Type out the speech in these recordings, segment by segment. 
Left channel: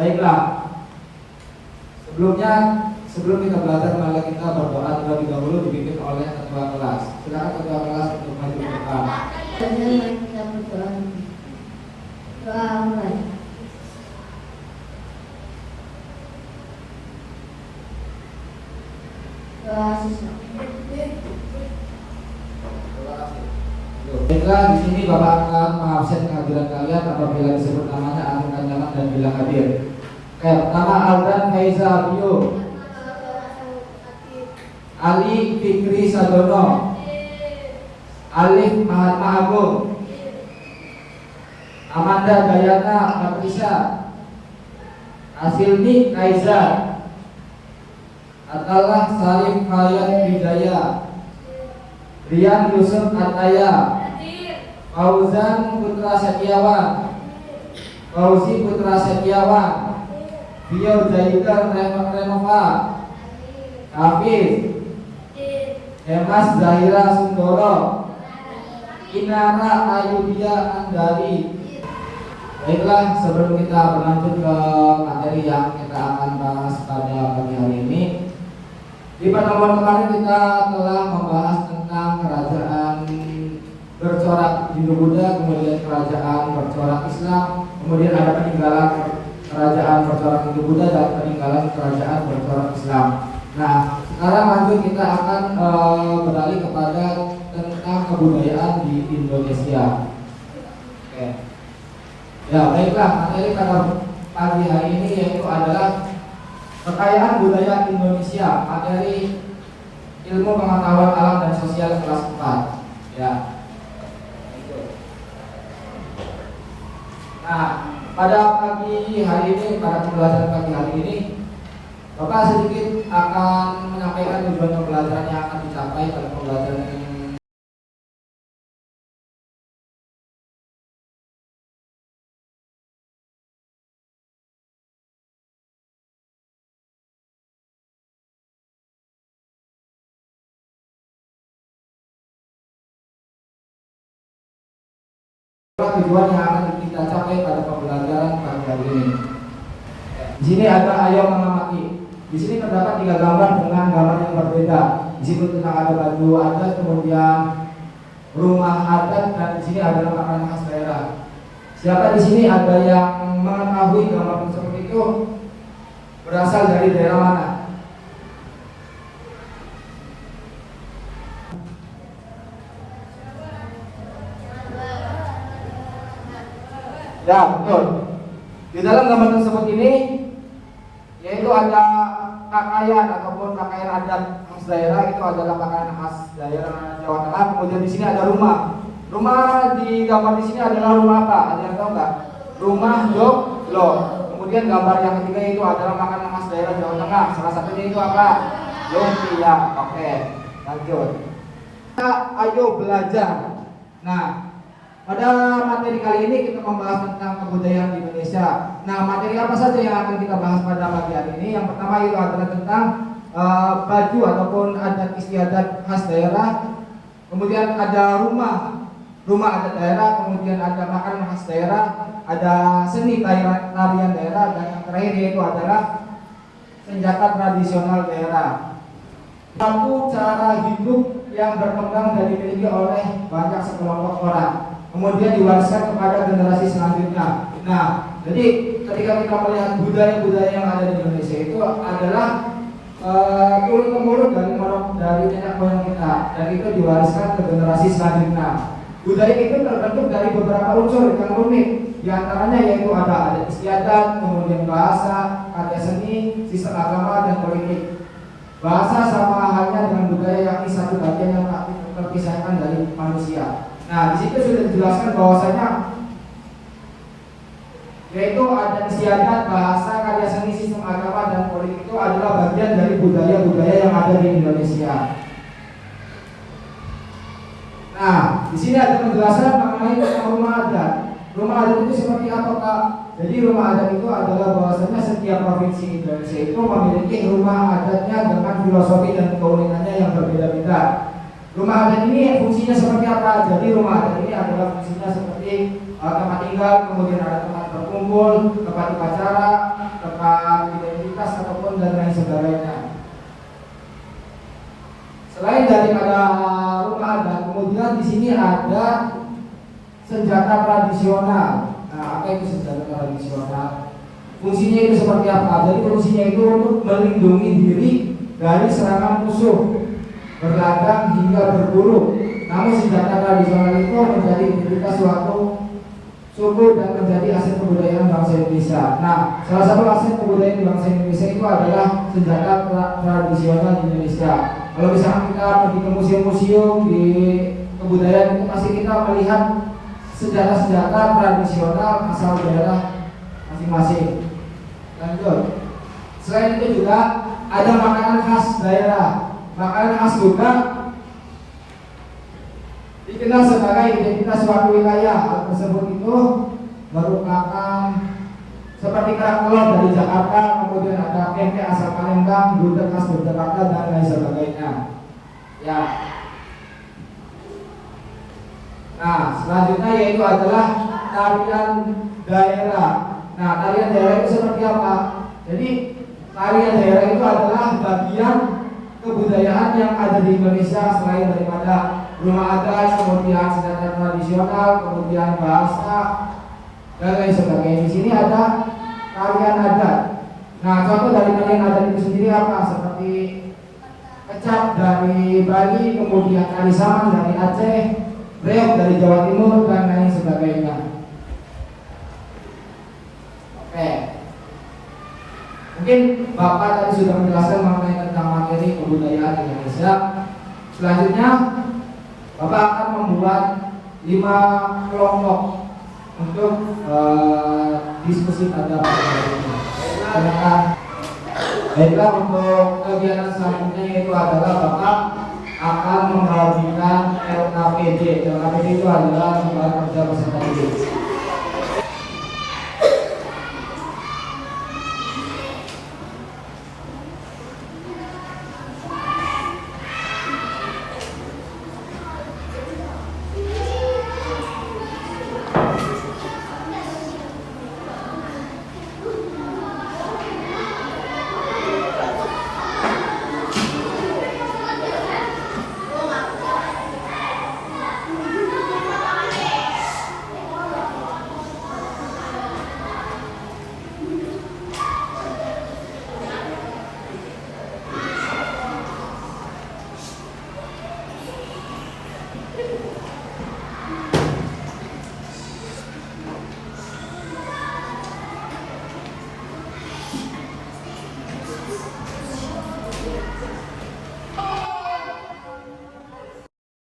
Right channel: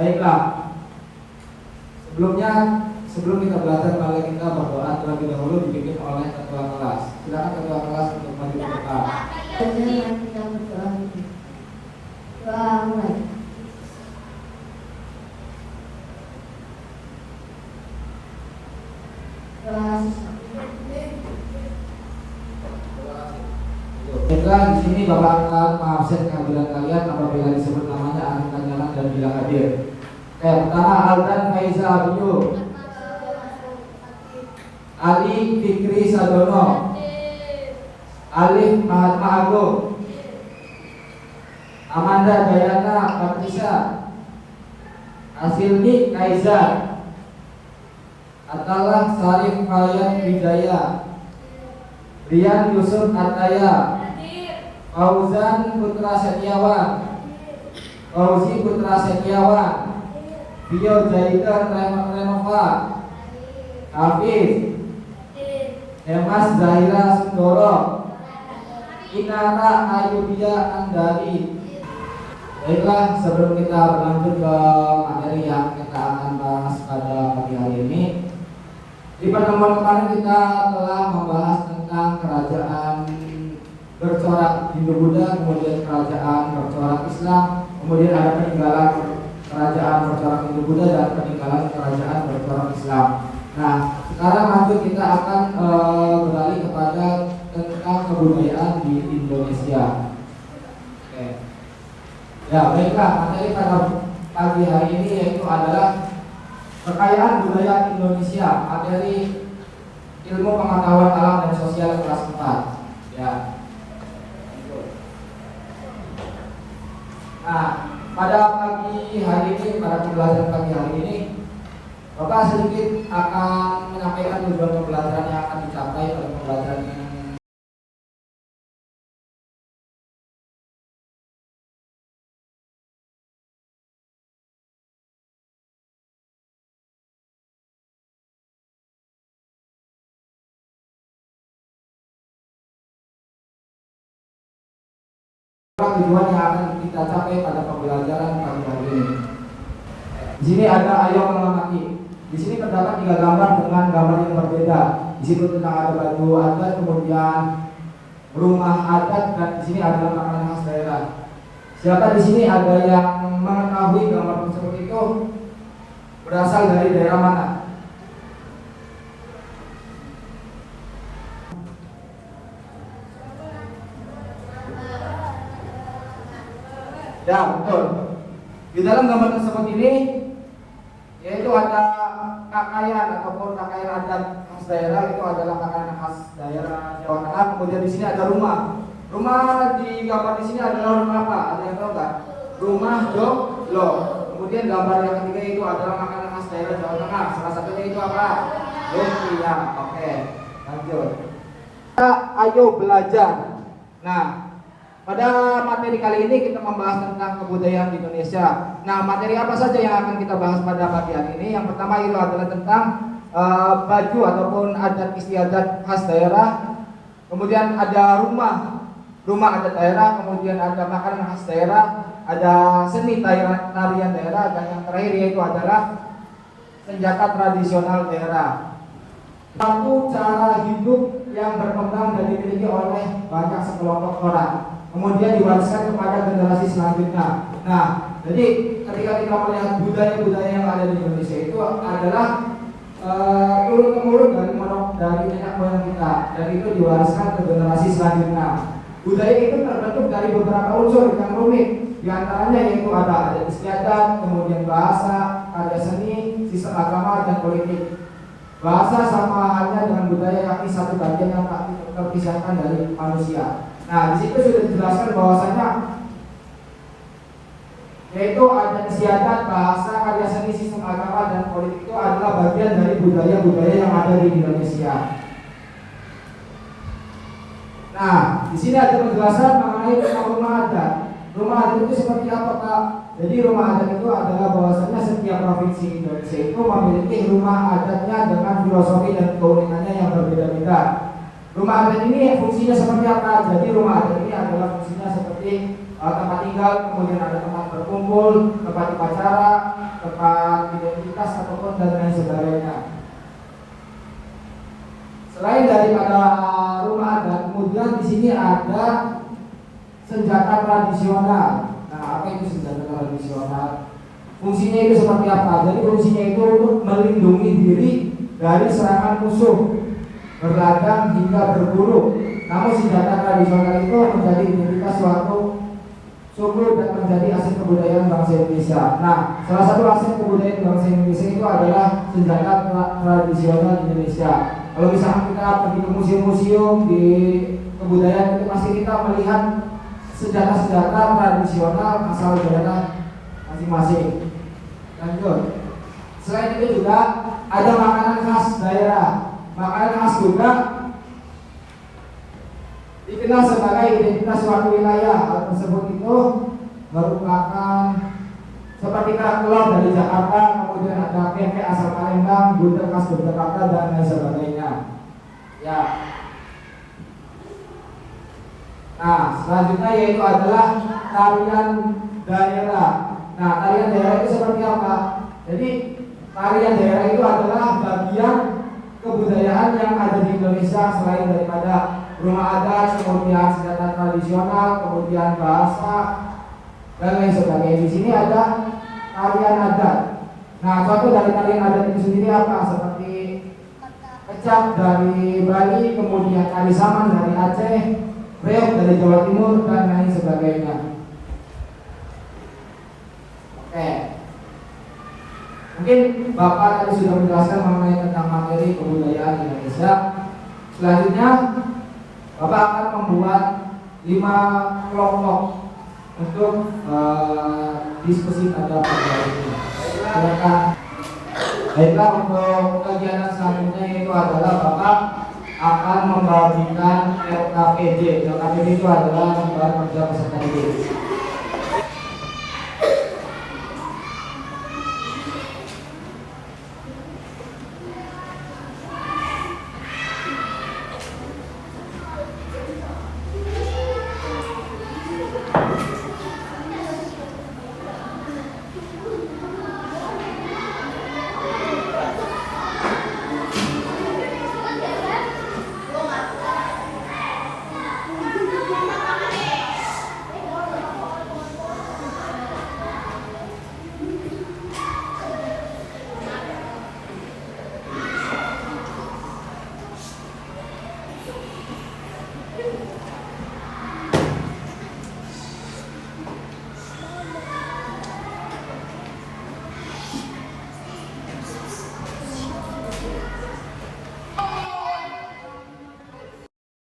Baiklah, sebelum kita belajar, mari kita berdoa terlebih dahulu dipimpin oleh ketua kelas. Silakan ketua kelas untuk maju ke depan. Kita berdoa. Doa mulai. Doa siswa. Baiklah, di sini Bapak akan mengabsen kehadiran kalian apabila disebut namanya angkat tangan dan bilang hadir. Oke, pertama Aldan Faiza Abiyu, Ali Fikri Sadono, Alif Mahatma Agung, Amanda Dayana Patricia, Asilni Kaizar, Atalah Sarif Hayat Wijaya, Rian Yusuf Ataya, Fauzan Putra Setiawan, Fauzi Putra Setiawan, Bio Jaidan Renova, Hafiz, Hemas Zahira Sundoro, Inara Ayudia Andari. Baiklah, sebelum kita berlanjut ke materi yang kita akan bahas pada pagi hari ini, di pertemuan kemarin kita telah membahas tentang kerajaan bercorak Hindu-Buddha, kemudian kerajaan bercorak Islam, kemudian ada peninggalan kerajaan bercorak Hindu-Buddha dan peninggalan kerajaan bercorak Islam. Nah, sekarang lanjut kita akan beralih kepada tentang kebudayaan di Indonesia. Oke. Ya, baiklah, materi pada pagi hari ini yaitu adalah kekayaan budaya Indonesia, materi ilmu pengetahuan alam dan sosial kelas 4. Ya. Nah, pada pagi hari ini, pada pembelajaran pagi hari ini, Bapak sedikit akan menyampaikan tujuan pembelajaran yang akan dicapai pada pembelajaran ini. Tujuan yang akan kita capai pada pembelajaran pagi hari ini. Di sini ada ayo mengamati. Di sini terdapat 3 gambar dengan gambar yang berbeda. Di situ tentang ada baju adat, kemudian rumah adat, dan di sini ada makanan khas daerah. Siapa di sini ada yang mengetahui gambar tersebut itu berasal dari daerah mana? Ya, betul. Di dalam gambar tersebut ini yaitu ada pakaian ataupun pakaian adat khas daerah, itu adalah pakaian khas daerah Jawa Tengah. Kemudian di sini ada rumah. Rumah di gambar di sini adalah rumah apa? Ada yang tahu nggak? Rumah Joglo. Kemudian gambar yang ketiga itu adalah makanan khas daerah Jawa Tengah. Salah satunya itu apa? Lumpia. Oke, lanjut. Ayo belajar. Nah, pada materi kali ini kita membahas tentang kebudayaan di Indonesia. Nah, materi apa saja yang akan kita bahas pada pagi hari ini? Yang pertama itu adalah tentang baju ataupun adat istiadat khas daerah. Kemudian ada rumah adat daerah. Kemudian ada makanan khas daerah. Ada seni tarian daerah. Dan yang terakhir yaitu adalah senjata tradisional daerah. Satu cara hidup yang berkembang dan dimiliki oleh banyak sekelompok orang, kemudian diwariskan kepada generasi selanjutnya. Nah, jadi ketika kita melihat budaya-budaya yang ada di Indonesia itu adalah turun-temurun dari nenek moyang kita, dan itu diwariskan ke generasi selanjutnya. Budaya itu terbentuk dari beberapa unsur yang rumit, di antaranya yaitu ada adat istiadat, kemudian bahasa, karya seni, sistem agama, dan politik. Bahasa sama halnya dengan budaya, yakni satu bagian yang tak terpisahkan dari manusia. Nah, di situ sudah dijelaskan bahwasanya yaitu adat istiadat, bahasa, karya seni, sistem agama, dan politik itu adalah bagian dari budaya-budaya yang ada di Indonesia. Nah, di sini ada penjelasan mengenai tentang rumah adat. Rumah adat itu seperti apa, Pak? Jadi rumah adat itu adalah bahwasanya setiap provinsi Indonesia itu memiliki rumah adatnya dengan filosofi dan keunikannya yang berbeda-beda. Rumah adat ini fungsinya seperti apa? Jadi rumah adat ini adalah fungsinya seperti tempat tinggal, kemudian ada tempat berkumpul, tempat upacara, tempat identitas ataupun dan lain sebagainya. Selain daripada rumah adat, kemudian di sini ada senjata tradisional. Nah, apa itu senjata tradisional? Fungsinya itu seperti apa? Jadi fungsinya itu untuk melindungi diri dari serangan musuh, berladang hingga berburu. Namun senjata tradisional itu menjadi identitas suatu suku dan menjadi aset kebudayaan bangsa Indonesia. Nah, salah satu aset kebudayaan bangsa Indonesia itu adalah senjata tradisional di Indonesia. Kalau misalkan kita pergi ke museum-museum di kebudayaan itu pasti kita melihat senjata-senjata tradisional asal daerah masing-masing. Lanjut. Selain itu juga ada makanan khas daerah. Makanan khas juga dikenal sebagai identitas suatu wilayah. Hal tersebut itu merupakan seperti kerak telur dari Jakarta, kemudian ada pempek asal Palembang, gudeg khas Yogyakarta dan lain sebagainya. Ya. Nah, selanjutnya yaitu adalah tarian daerah. Nah, tarian daerah itu seperti apa? Jadi, tarian daerah itu adalah bagian kebudayaan yang ada di Indonesia selain daripada rumah adat, kemudian senjata tradisional, kemudian bahasa dan lain sebagainya. Di sini ada tarian adat. Nah, contoh dari tarian adat itu sendiri apa? Seperti kecap dari Bali, kemudian tari saman dari Aceh, reog dari Jawa Timur dan lain sebagainya. Oke. Mungkin Bapak tadi sudah menjelaskan mengenai tentang materi kebudayaan Indonesia. Selanjutnya Bapak akan membuat 5 kelompok untuk diskusi pada pagi hari ini. Silakan. Baiklah, untuk kegiatan selanjutnya itu adalah Bapak akan membagikan LKPD. LKPD itu adalah lembaga kerja peserta didik.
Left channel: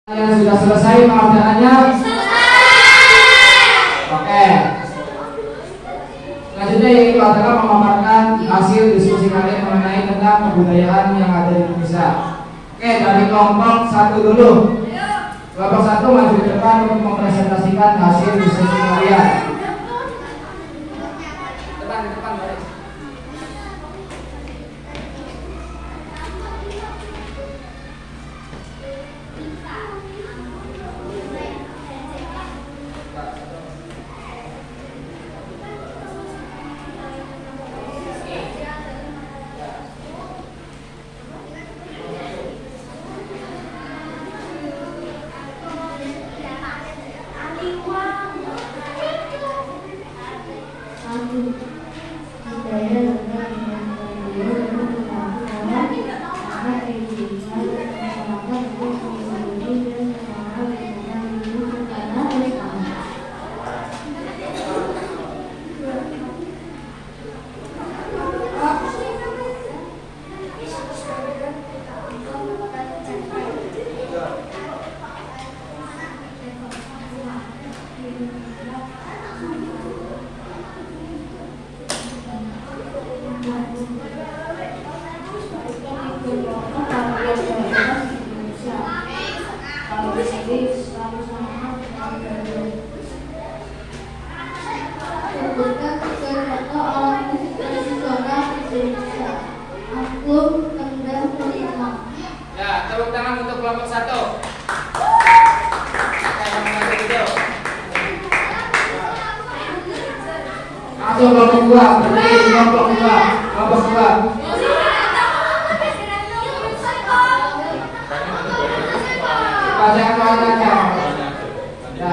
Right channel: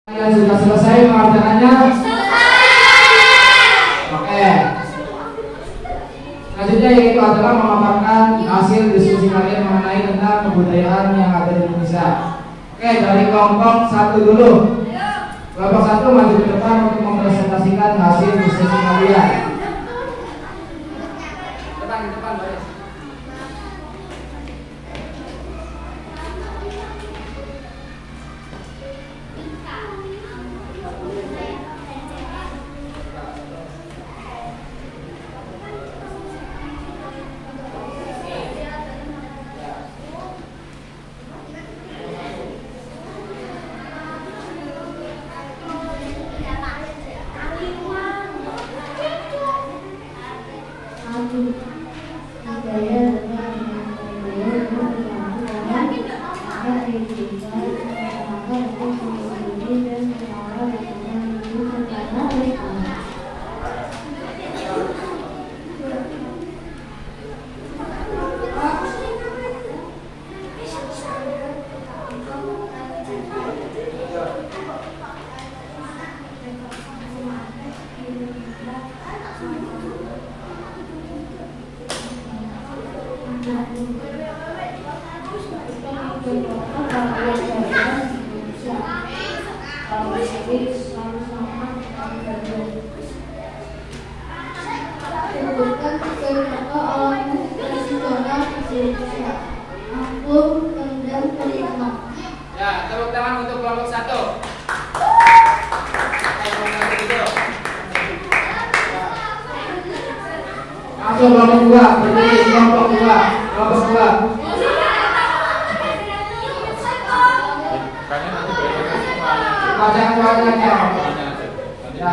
Yang sudah selesai pengerjaannya? Oke. Selanjutnya yaitu adalah memaparkan hasil diskusi kalian mengenai tentang kebudayaan yang ada di Indonesia. Oke, dari kelompok 1 dulu. Kelompok 1 maju ke depan untuk mempresentasikan hasil diskusi kalian. Di depan baris. Ya, tepuk tangan untuk kelompok 1. langsung kelompok 2, berdiri kelompok 2, kelompok 2. Baca keluarganya. Ya,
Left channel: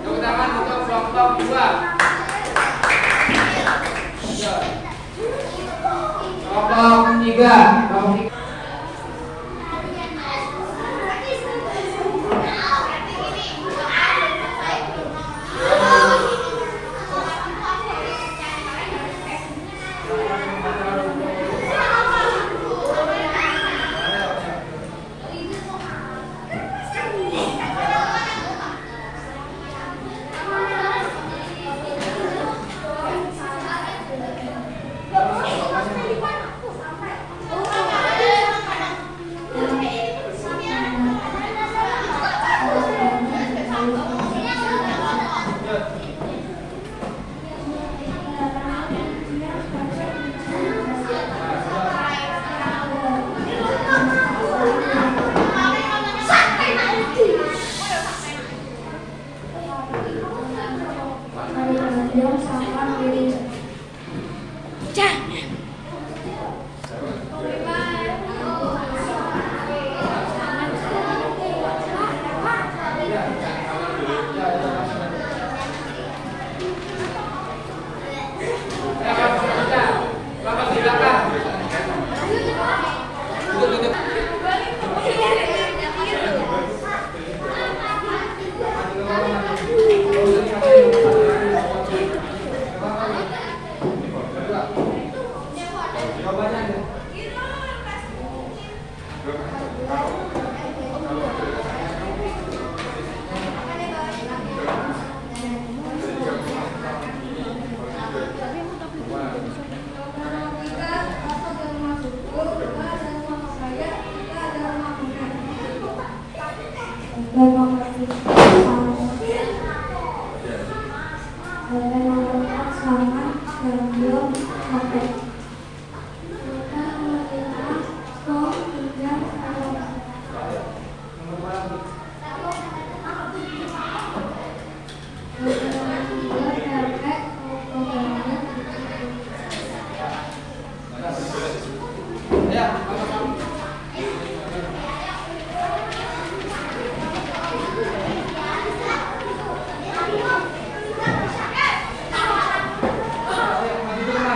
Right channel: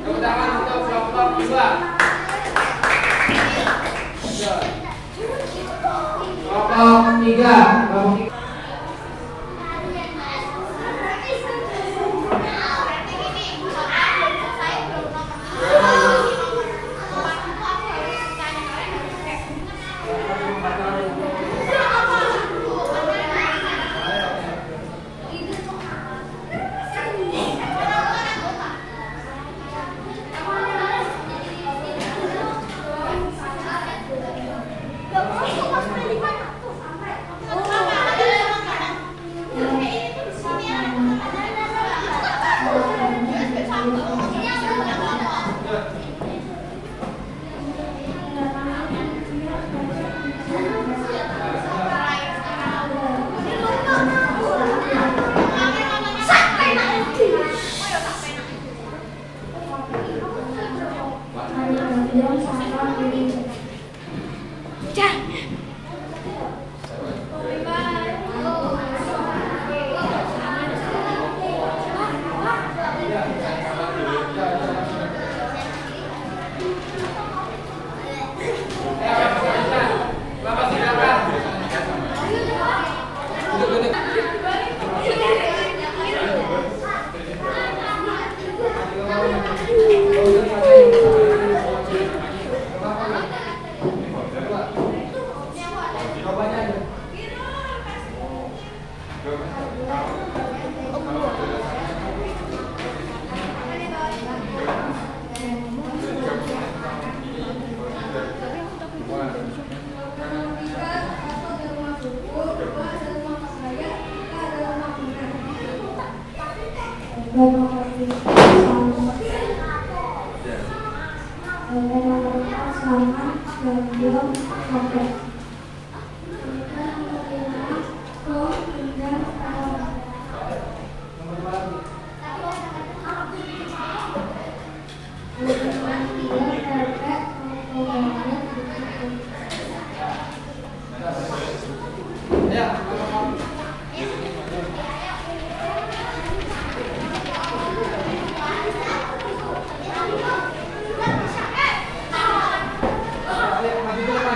tepuk tangan untuk kelompok 2. Kelompok 3, kelompok 3.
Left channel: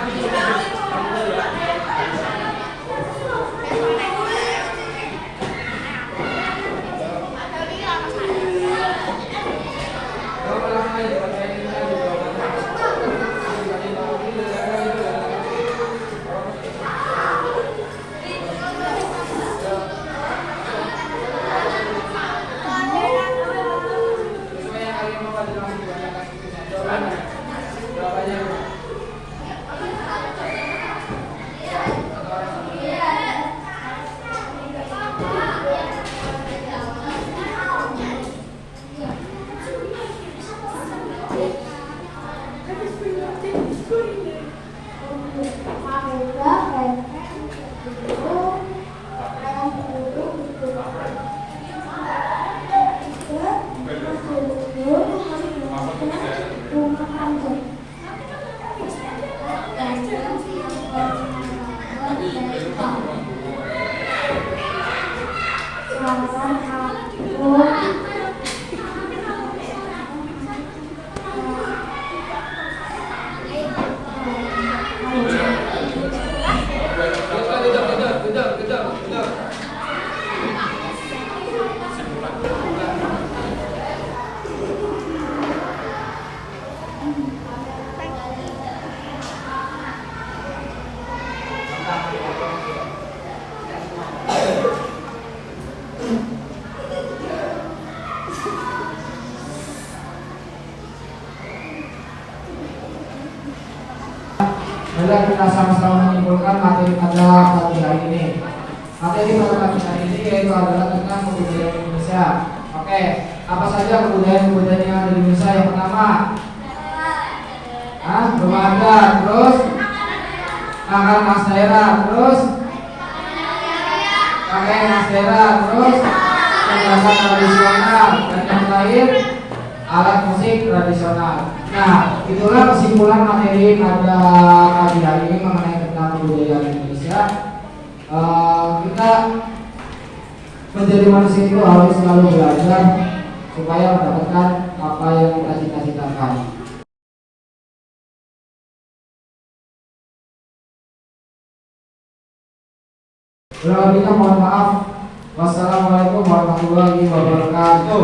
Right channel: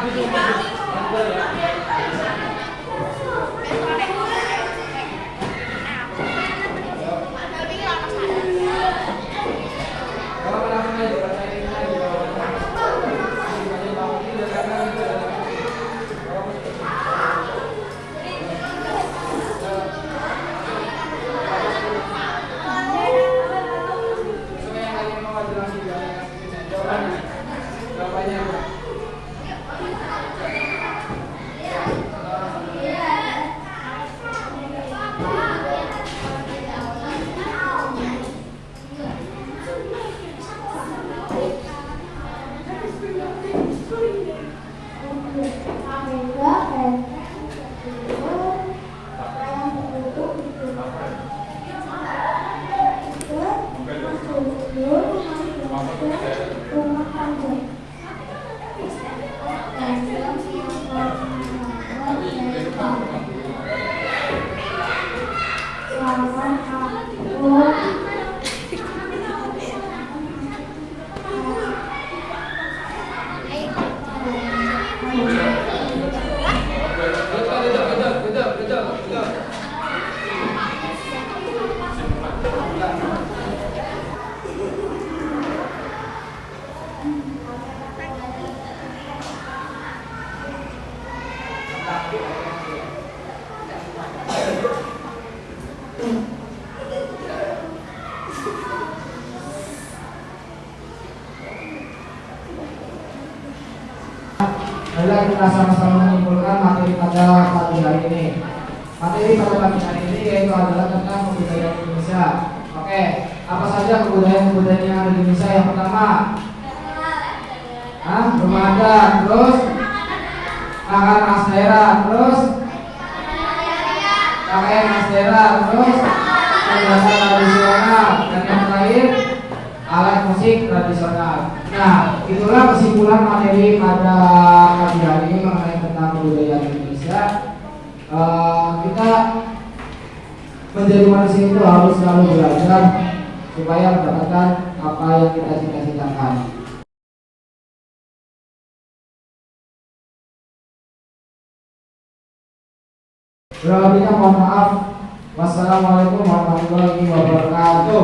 Maju. Baiklah, kita sama-sama menyimpulkan materi pada pagi hari ini. Materi pada pagi hari ini yaitu adalah tentang kebudayaan Indonesia. Oke, apa saja kebudayaan yang ada di Indonesia? Yang pertama, rumah adat, terus makanan khas daerah, terus pakaian khas daerah, terus perhiasan tradisional, dan yang terakhir alat musik tradisional. Nah, itulah kesimpulan materi pada pagi hari ini mengenai tentang kebudayaan Indonesia. Kita menjadi manusia itu harus selalu belajar supaya mendapatkan apa yang kita cita-citakan. Kurang lebihnya mohon maaf. Wassalamualaikum warahmatullahi wabarakatuh.